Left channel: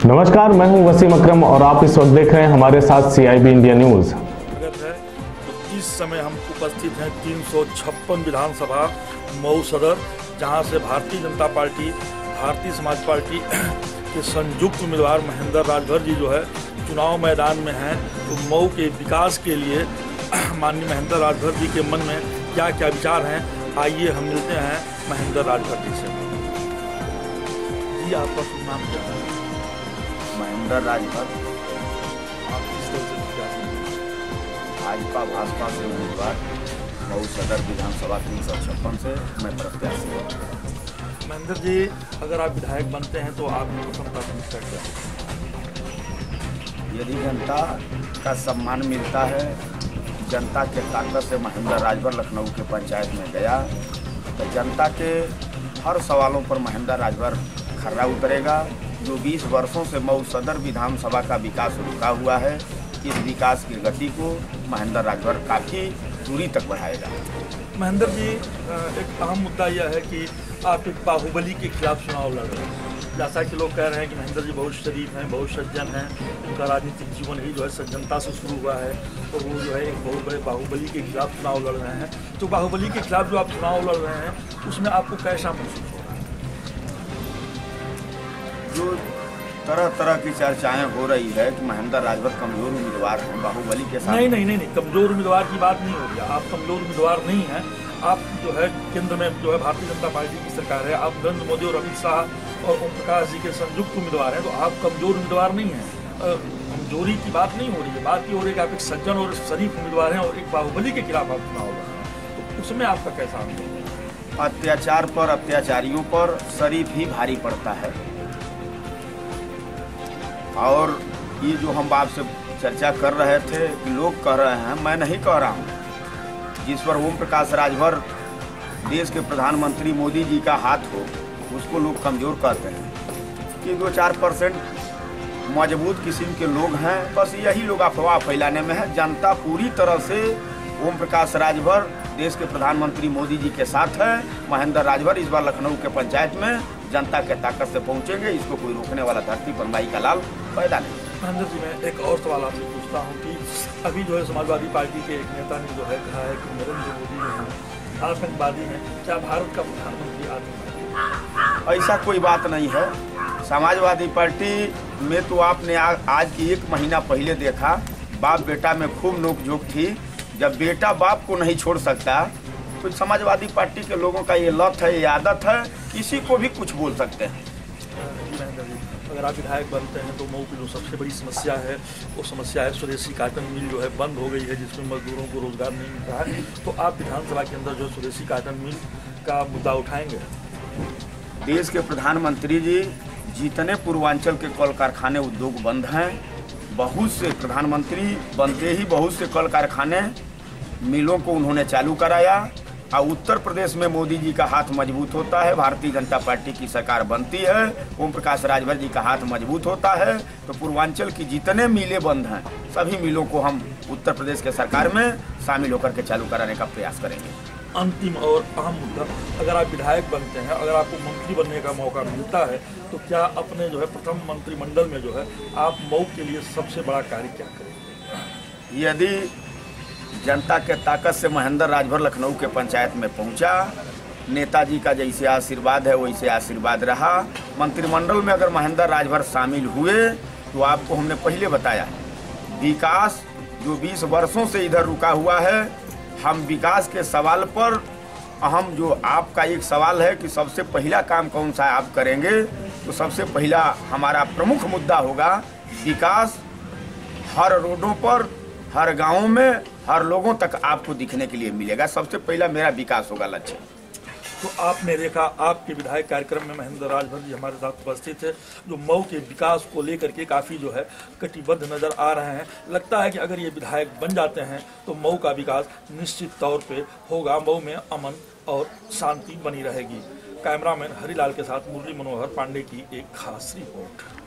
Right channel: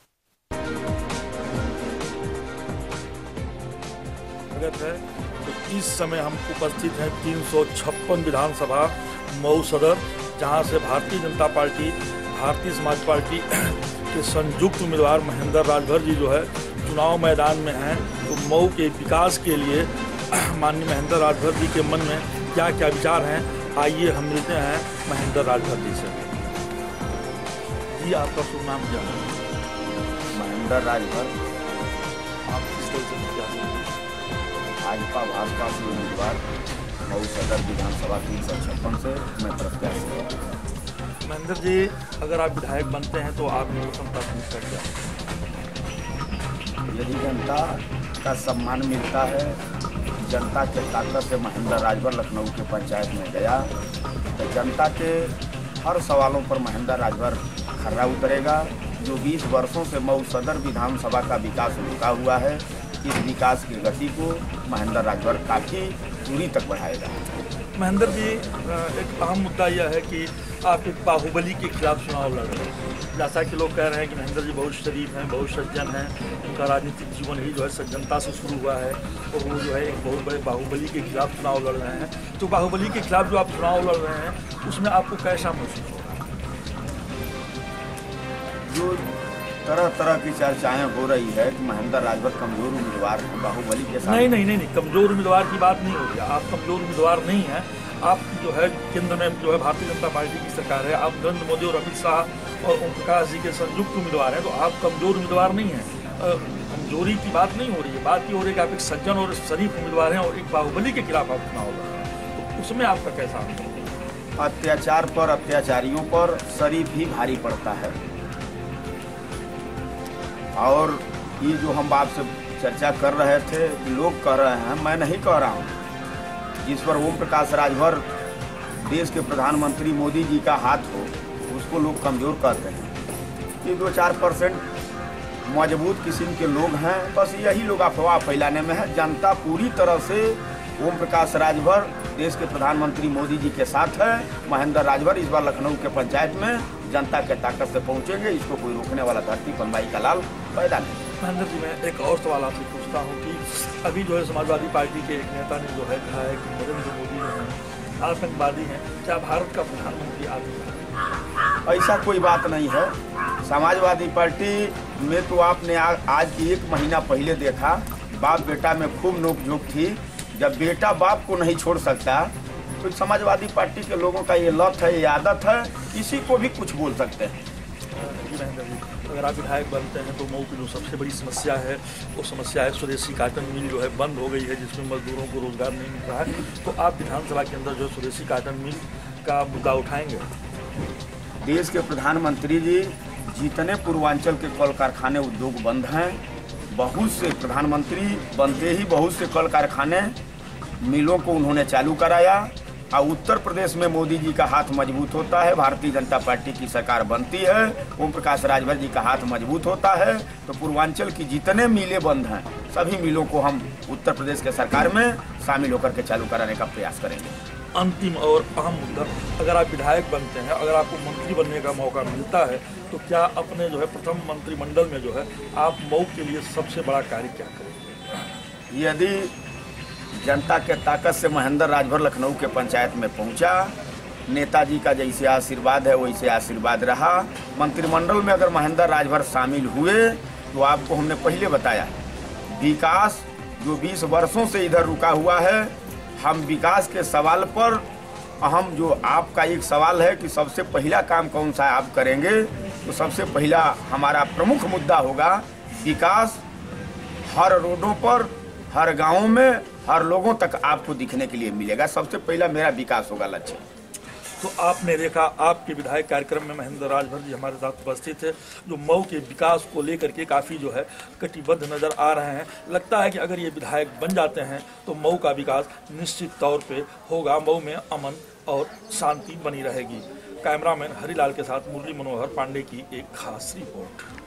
नमस्कार, मैं हूं वसीम अकरम और आप इस वक्त देख रहे हैं हमारे साथ CIB इंडिया न्यूज। स्वागत है। तो इस समय हम उपस्थित हैं 356 विधानसभा मऊ सदर, जहां से भारतीय जनता पार्टी, भारतीय समाज पार्टी के संयुक्त उम्मीदवार महेंद्र राजभर जी जो है चुनाव मैदान में हैं। तो मऊ के विकास के लिए माननीय महेंद्र राजभर जी के मन में क्या क्या विचार हैं, आइए हम मिलते हैं महेंद्र राजभर जी से। जी, आपका शुभ नाम क्या है? महेंद्र राजभर। आप किस तरह से विचार हैं? भाजपा से उम्मीदवार मऊ सदर विधानसभा 356 से मैं प्रत्याशी हूँ। महेंद्र जी, अगर आप विधायक बनते हैं तो आपकी प्रथम प्राथमिकता क्या है? यदि जनता का सम्मान मिलता है, जनता के ताकत से महेंद्र राजभर लखनऊ के पंचायत में गया तो जनता के हर सवालों पर महेंद्र राजभर खर्रा उतरेगा। जो 20 वर्षों से मऊ सदर विधानसभा का विकास रुका हुआ है, इस विकास की गति को महेंद्र राजभर काफ़ी दूरी तक बढ़ाएगा। महेंद्र जी, एक अहम मुद्दा यह है कि आप एक बाहुबली के खिलाफ चुनाव लड़ रहे हैं। जैसा कि लोग कह रहे हैं कि महेंद्र जी बहुत शरीफ हैं, बहुत सज्जन हैं, उनका राजनीतिक जीवन ही जो है सज्जनता से शुरू हुआ है, और वो जो है एक बहुत बड़े बाहुबली के खिलाफ चुनाव लड़ रहे हैं। तो बाहुबली के खिलाफ जो आप चुनाव लड़ रहे हैं, उसमें आपको कैसा महसूस हो रहा है? जो तरह तरह की चर्चाएं हो रही है कि महेंद्र राजभर कमजोर उम्मीदवार हैं बाहुबली के साथ। नहीं, कमजोर उम्मीदवार की बात नहीं हो रही है। आप कमजोर उम्मीदवार नहीं हैं। आप जो है केंद्र में जो है भारतीय जनता पार्टी की सरकार है, आप नरेंद्र मोदी और अमित शाह और ओम प्रकाश जी के संयुक्त उम्मीदवार हैं, तो आप कमजोर उम्मीदवार नहीं हैं। कमजोरी की बात नहीं हो रही है, बात ये हो रही है कि आप एक सज्जन और शरीफ उम्मीदवार हैं और एक बाहुबली के खिलाफ आप चुनाव लड़ रहे हैं। तो उसमें आपका कैसा अनुभव है? अत्याचार पर अत्याचारियों पर शरीफ ही भारी पड़ता है। और ये जो हम आपसे चर्चा कर रहे थे, लोग कह रहे हैं, मैं नहीं कह रहा हूँ, जिस पर ओम प्रकाश राजभर देश के प्रधानमंत्री मोदी जी का हाथ हो, उसको लोग कमज़ोर कहते हैं। ये 2-4% मजबूत किस्म के लोग हैं, बस यही लोग अफवाह फैलाने में है। जनता पूरी तरह से ओम प्रकाश राजभर देश के प्रधानमंत्री मोदी जी के साथ है। महेंद्र राजभर इस बार लखनऊ के पंचायत में जनता के ताकत से पहुंचेंगे, इसको कोई रोकने वाला धरती पर माई का लाल पैदा नहीं। महेंद्र जी, मैं एक और सवाल आपसे पूछता हूं कि अभी जो है समाजवादी पार्टी के एक नेता ने जो है कहा है कि नरेंद्र मोदी जो है आतंकवादी हैं, क्या भारत का प्रधानमंत्री आतंकवादी? ऐसा कोई बात नहीं है। समाजवादी पार्टी में तो आपने आज की 1 महीना पहले देखा, बाप बेटा में खूब नोकझोंक थी। जब बेटा बाप को नहीं छोड़ सकता तो समाजवादी पार्टी के लोगों का ये लत है, ये आदत है, किसी को भी कुछ बोल सकते हैं। जी महेंद्र जी, अगर आप विधायक बनते हैं तो मऊ की जो सबसे बड़ी समस्या है, वो समस्या है स्वदेशी कॉटन मिल जो है बंद हो गई है, जिसमें मजदूरों को रोजगार नहीं मिल रहा है। तो आप विधानसभा के अंदर जो स्वदेशी कॉटन मिल का मुद्दा उठाएंगे? देश के प्रधानमंत्री जी जितने पूर्वांचल के कल कारखाने उद्योग बंद हैं, बहुत से प्रधानमंत्री बनते ही बहुत से कल कारखाने मिलों को उन्होंने चालू कराया। और उत्तर प्रदेश में मोदी जी का हाथ मजबूत होता है, भारतीय जनता पार्टी की सरकार बनती है, ओम प्रकाश राजभर जी का हाथ मजबूत होता है, तो पूर्वांचल की जितने मिलें बंद हैं, सभी मिलों को हम उत्तर प्रदेश के सरकार में शामिल होकर के चालू कराने का प्रयास करेंगे। अंतिम और अहम मुद्दा, अगर आप विधायक बनते हैं, अगर आपको मंत्री बनने का मौका मिलता है, तो क्या अपने जो है प्रथम मंत्रिमंडल में जो है आप मऊ के लिए सबसे बड़ा कार्य क्या करेंगे? यदि जनता के ताकत से महेंद्र राजभर लखनऊ के पंचायत में पहुंचा, नेताजी का जैसे आशीर्वाद है वैसे आशीर्वाद रहा, मंत्रिमंडल में अगर महेंद्र राजभर शामिल हुए, तो आपको हमने पहले बताया विकास जो 20 वर्षों से इधर रुका हुआ है, हम विकास के सवाल पर अहम जो आपका एक सवाल है कि सबसे पहला काम कौन सा आप करेंगे, तो सबसे पहला हमारा प्रमुख मुद्दा होगा विकास। हर रोडों पर, हर गाँव में, हर लोगों तक आपको दिखने के लिए मिलेगा। सबसे पहला मेरा विकास होगा लक्ष्य। तो आपने देखा, आपके विधायक कार्यक्रम में महेंद्र राजभर जी हमारे साथ उपस्थित है, जो मऊ के विकास को लेकर के काफ़ी जो है कटिबद्ध नजर आ रहे हैं। लगता है कि अगर ये विधायक बन जाते हैं तो मऊ का विकास निश्चित तौर पे होगा, मऊ में अमन और शांति बनी रहेगी। कैमरामैन हरिलाल के साथ मुरली मनोहर पांडे की एक खास रिपोर्ट।